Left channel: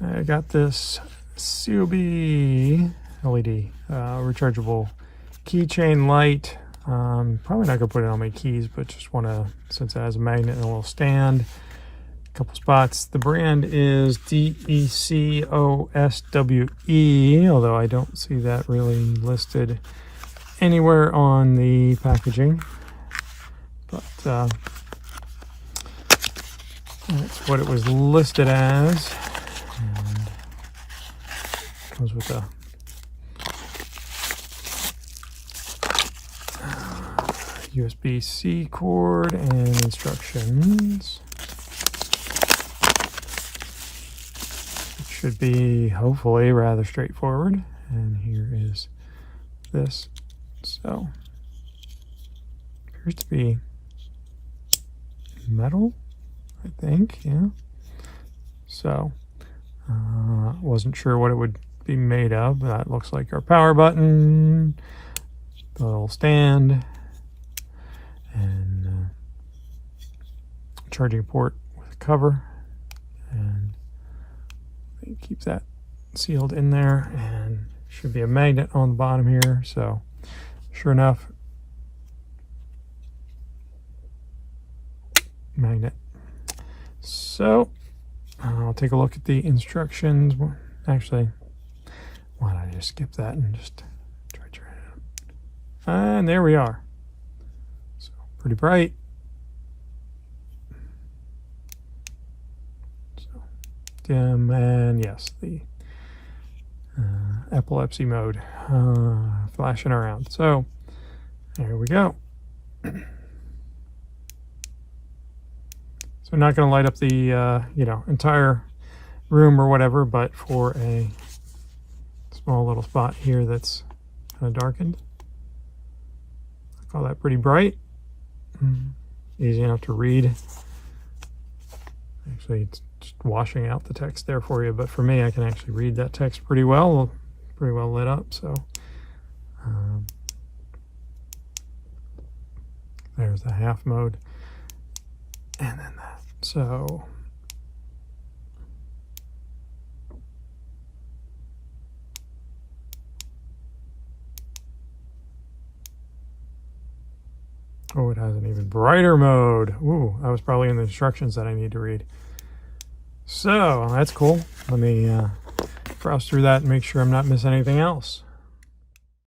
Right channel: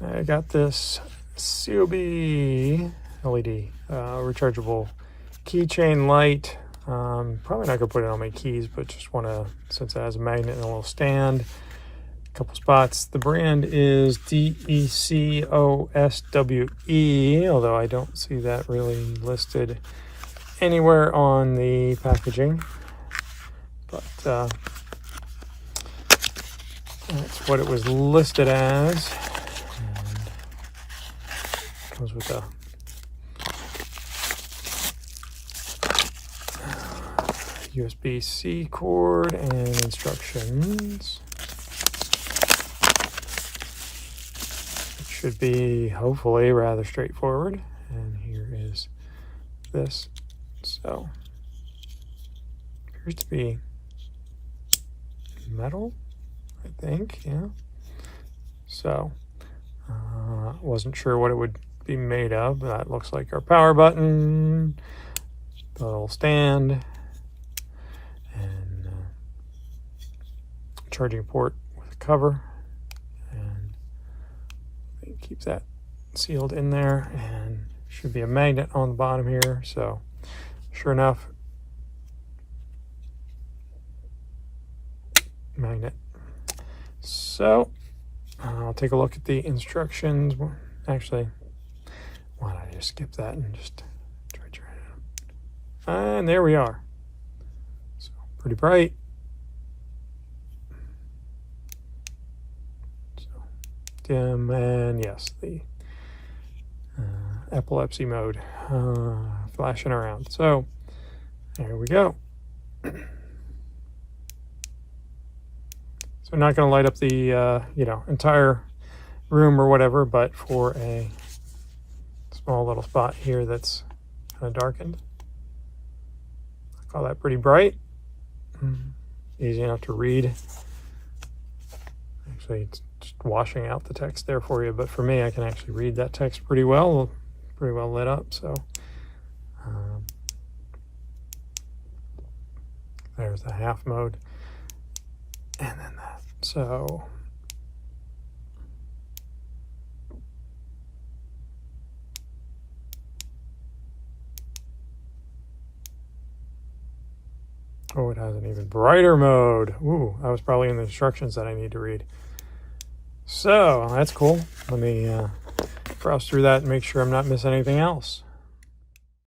I got this COB LED rechargeable keychain light. Probably not gonna put it on my keys, but just want to, since it has a magnet and a little stand, a couple spots. The brand is Decoswe, although I don't see that really listed anywhere on the packaging. But that's what it was listed as. And comes with a USB-C cord and instructions. It should be hopefully rather straightforward. And here is this. So appears to be metal, I think, yeah. So wasn't sure what it would be made of. That looks like our power button, the little stand, and charging port with a cover, and keep that sealed in there. And should be a magnet on the bottom here. So sure enough, magnet. So I'll take a look at the instructions. Actually, why don't I just skip that and just try it out. And there we are. So pretty bright. So dim, and yes, the epilepsy mode flashing around. So there we go. So not going to light up the entire room or whatever, but for a small little spot here that's kind of darkened, I call that pretty bright. Easy enough to read. Actually, it's just washing out the text there for you, but for me, I can actually read that text pretty well lit up. So there's the half mode, and then that. So oh, it has an even brighter mode. Ooh, that was probably in the instructions that I need to read. So that's cool. Let me browse through that and make sure I'm not missing anything else.